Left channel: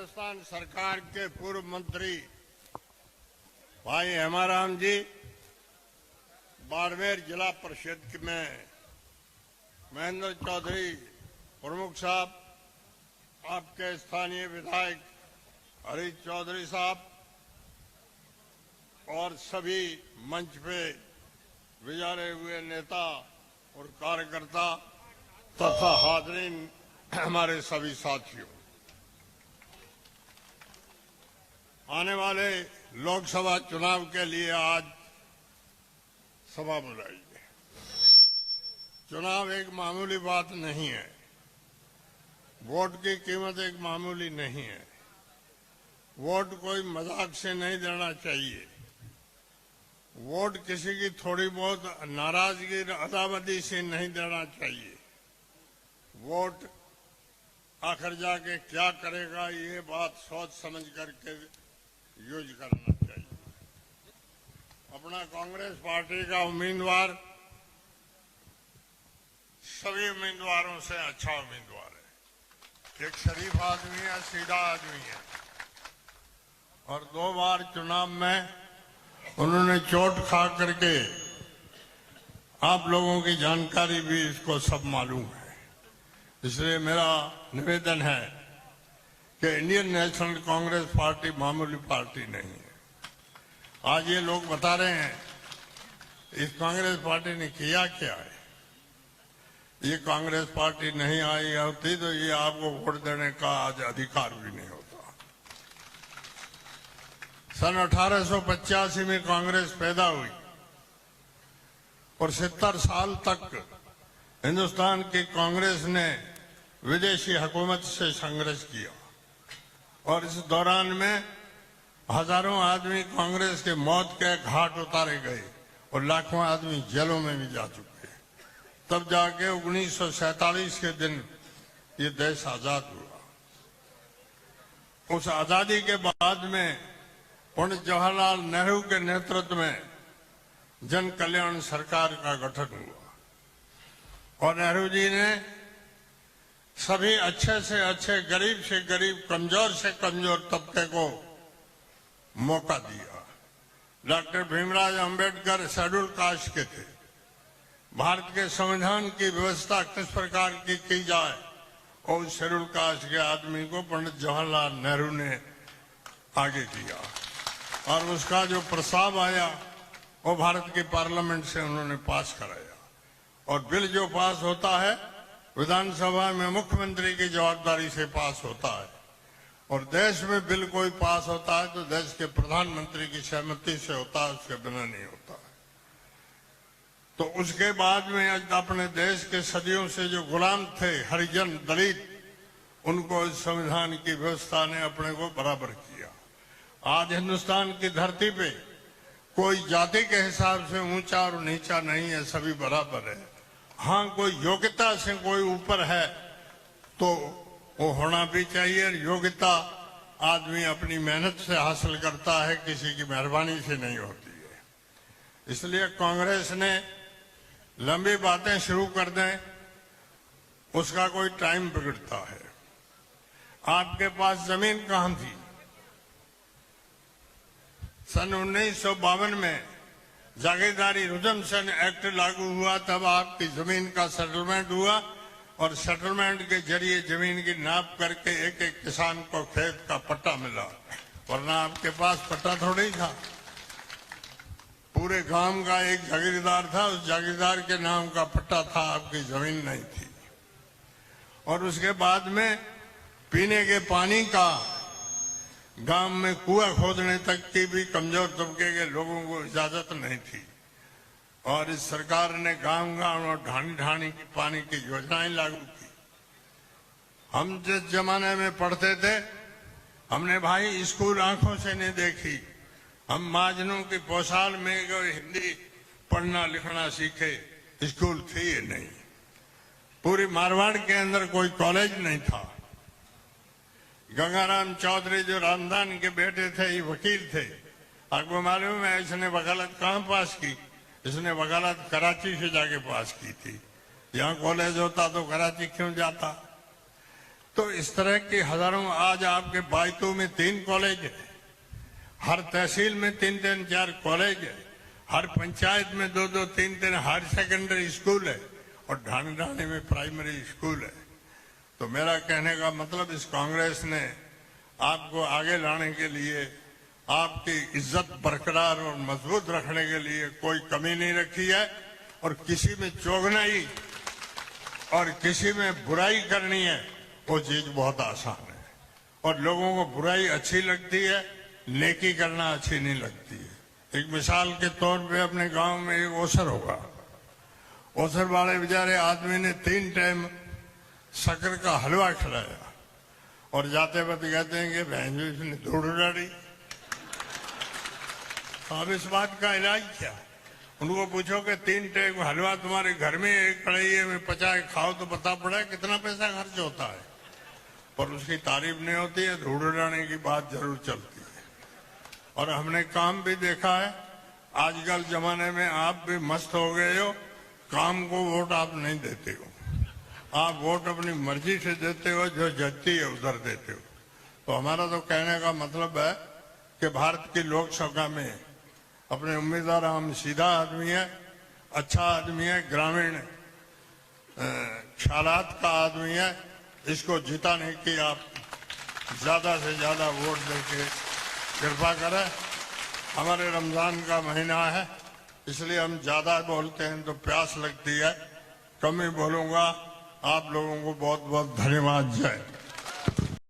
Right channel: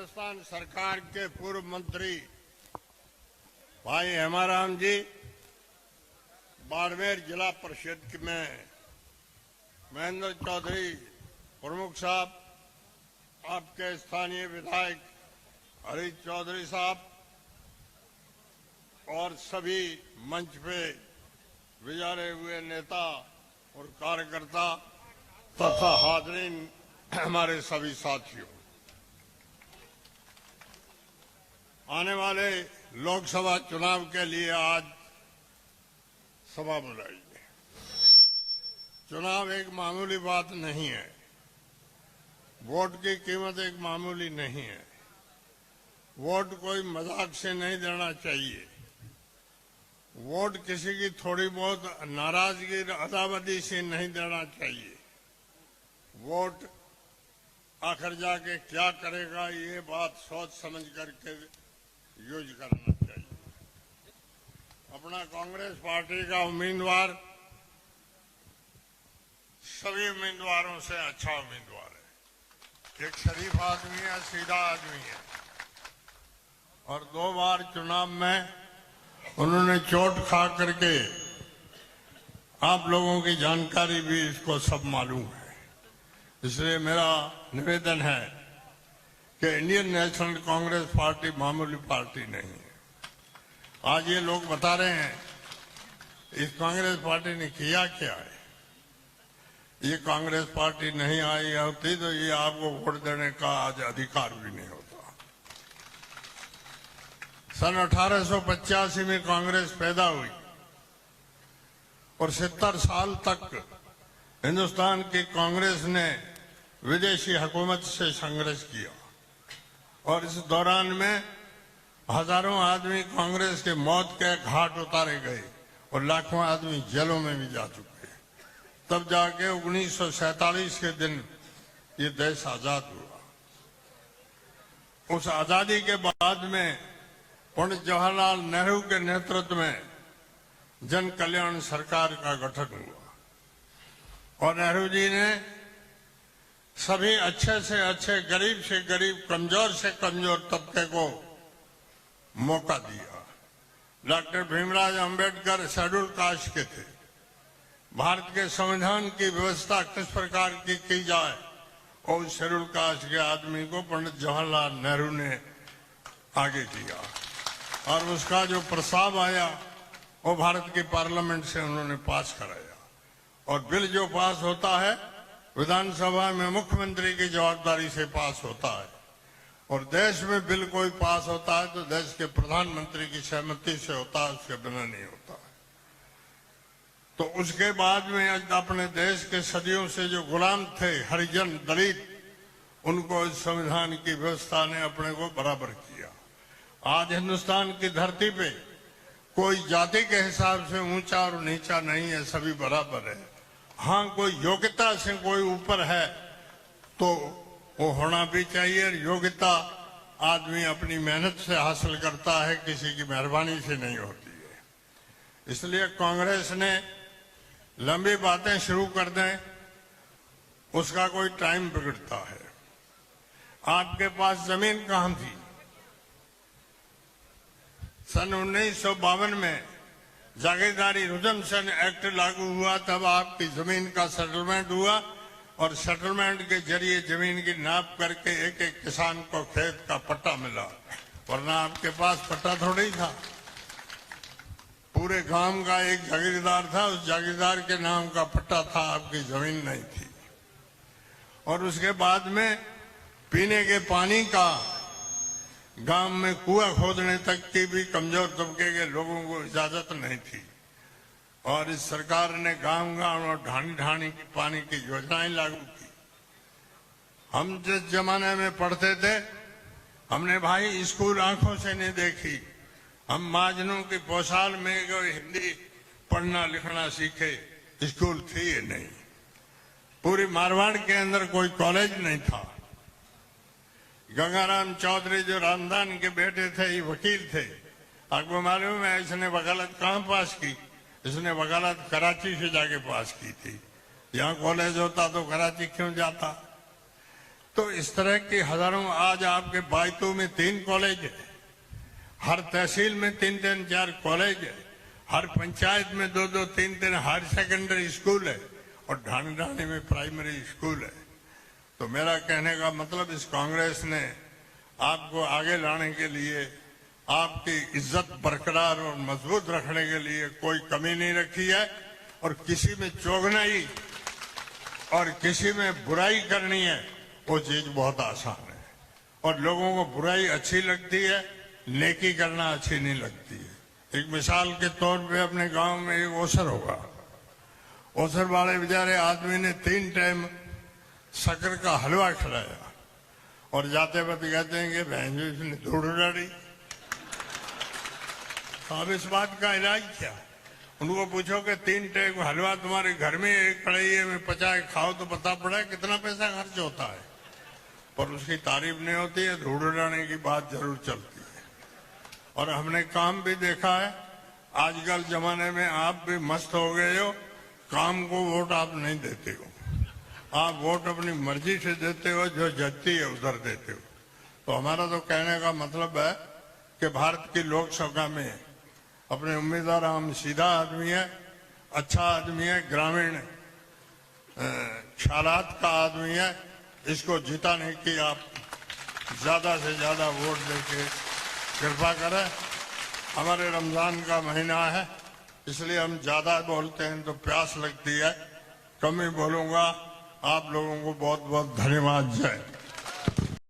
हिंदुस्तान सरकार के पूर्व मंत्री भाई हेमाराम जी, बाड़मेर जिला परिषद में महेंद्र चौधरी प्रमुख साहब, आपके स्थानीय विधायक हरीश चौधरी साहब और सभी मंच पे विचारे हुए नेता और कार्यकर्ता तथा हाज़रीन, हमारे सभी साथियों, आने वाले लोकसभा चुनाव के लिए आज सभा बुलाई है। चुनाव एक मामूली बात नहीं है। वोट की कीमत एक मामूली नहीं है। वोट कोई मजाक से नहीं देना चाहिए। वोट किसी की थोड़ी बहुत नाराजगी अदावती से नहीं देना चाहिए। वोट आखिर जाके क्या करेगा, ये बात सोच समझ करके यूज करना चाहिए। अपना कांग्रेस पार्टी का उम्मीदवार सभी उम्मीदवारों से अच्छा उम्मीदवार है। एक शरीफ आदमी है, सीधा आदमी है, और 2 बार चुनाव में उन्होंने चोट खा करके, आप लोगों की जानकारी भी इसको सब मालूम है। इसलिए मेरा निवेदन है कि इंडियन नेशनल कांग्रेस पार्टी मामूली पार्टी नहीं है। आज ये लोग बता रहे हैं इस कांग्रेस पार्टी ने किया क्या है। ये कांग्रेस पार्टी नहीं आई होती तो ये आपको वोट देने का आज अधिकार भी नहीं होता। सन 1885 में कांग्रेस पैदा हुई और 70 साल तक हिंदुस्तान की कांग्रेस ने विदेशी हुकूमत से संघर्ष किया, और इस दौरान में हजारों आदमी कांग्रेस के मौत के घाट उतारे गए और लाखों आदमी जेलों में भी जा चुके। तब जाके 1947 के दिन ये देश आजाद हुआ। उस आजादी के बाद में पंडित जवाहरलाल नेहरू के नेतृत्व में जन कल्याण सरकार का गठन हुआ, और नेहरू जी ने सभी अच्छे से अच्छे, गरीब से गरीब, कमजोर से कमजोर तबके को मौका दिया। Doctor Bhimrao Ambedkar schedule caste के थे। भारत के संविधान की व्यवस्था किस प्रकार की जाए, और शेड्यूल कास्ट के आदमी को पंडित जवाहरलाल नेहरू ने आगे किया, और उसका जो प्रस्ताव आया वो भारत की पार्लियामेंट से उन्होंने पास कराया। और बिल जो पास होता है विधानसभा में मुख्यमंत्री की जवाबदारी से पास होता है, और देश में बिल कोई पास होता है तो देश के प्रधानमंत्री की सहमति से होता है, उसके बिना नहीं होता है। तो उसके बाद में अपने देश के सदियों से जो गुलाम थे, हरिजन, दलित, उनको इस संविधान की व्यवस्था ने अपने को बराबर किया। आज हिंदुस्तान की धरती पे कोई जाति के हिसाब से ऊंचा और नीचा नहीं है, सभी बराबर है। हाँ, कोई योग्यता से कोई ऊपर है तो वो होना भी चाहिए। योग्यता आदमी अपनी मेहनत से हासिल करता है, किसी की मेहरबानी से नहीं होती है। इसलिए कांग्रेस ने लंबी बातें शुरू कर दें, उसका कोई टाइम बिगड़ता है। आपके पास जमीन कहां थी? सन 1952 में जागीरदारी रिजम्पशन एक्ट लागू हुआ, तब आपकी जमीन का सेटलमेंट हुआ, और सेटलमेंट के जरिए जमीन की नाप करके एक एक किसान को खेत का पट्टा मिला, वरना आपके पास पट्टा थोड़ी था। पूरे गांव का एक जागीरदार था, उस जागीरदार के नाम का पट्टा था, आपकी जमीन नहीं थी। और उसके बाद में पीने के पानी का गांव में कुआं खोदने तक की भी कमजोर तबके के लोगों को इजाजत नहीं थी, और इस सरकार ने गांव-गांव और ढाणी-ढाणी की पानी की योजनाएं लागू की। हम जिस जमाने में पढ़ते थे, हमने भाई स्कूल आंखों से नहीं देखी। हम महाजनों की पोशाक में हिंदी पढ़ना लिखना सीखे, स्कूल थी ही नहीं। पूरी मारवाड़ के अंदर कोई कॉलेज नहीं था। गंगाराम चौधरी जो रामदान के बेटे थे, ये वकील थे। आपको मालूम है इसने वकालत कहाँ पास की? इसने वकालत कराची से जाके पास की थी। यहाँ कॉलेज होता तो कराची क्यों जाता? तो इस तरह की हजारों, आज आपके बायतू में 3 कॉलेज है, हर तहसील में 3-4 कॉलेज है, हर पंचायत में 2-2, 3-3 हायर सेकेंडरी स्कूल है और ढाणी में प्राइमरी स्कूल है। तो मेरा कहने का मतलब, इस कांग्रेस ने आपको आगे लाने के लिए, आपकी इज्जत बरकरार और मजबूत रखने के लिए कोई कमी नहीं रखी है। और किसी में चौगनाई और किसी में बुराई करनी है, वो चीज बहुत आसान है। और लोगों को बुराई अच्छी लगती है, नेकी करना अच्छी नहीं लगती है। एक मिसाल के तौर पे अपने गांव में एक ओसर होगा, ओसर वाले बेचारे आदमी ने 3 टाइम शक्कर का हलवा खिलाया और जाते वक्त कहते हैं कि बहन जी इसने धूड़ उड़ाड़ी। तो अब इस बात का इलाज क्या? उनको पूछो कि 3 टाइम हलवा तुम्हारे घर में एक कढ़ाई में पचा के खाओ तो पता पड़ा कितना पैसा खर्च होता है, पर उसकी तारीफ नहीं होती है, धूड़ उड़ाने की बात जरूर चलती है। और हमने काम भी देखा है, आजकल जमाने में आप भी मस्त हो गए हो, काम को वोट आप नहीं देते हो, आप वोट अपनी मर्जी से देते हो, जो जचती है उधर देते हो। तो हमारा तो कहने का मतलब है कि भारत की लोकसभा में अपने उम्मीदवार, हम सीधा आदमी है, अच्छा आदमी है, ग्रामीण ख्यालात का आदमी है, इसको जिताने की आप ज्यादा से ज्यादा वोट देके कृपा करें। हमारे रमजान का महीना है, इसलिए हम ज्यादा बोलते हैं तो प्यास लगती है, कम ही बोलूंगा। आप लोगों को बहुत बहुत धन्यवाद। जय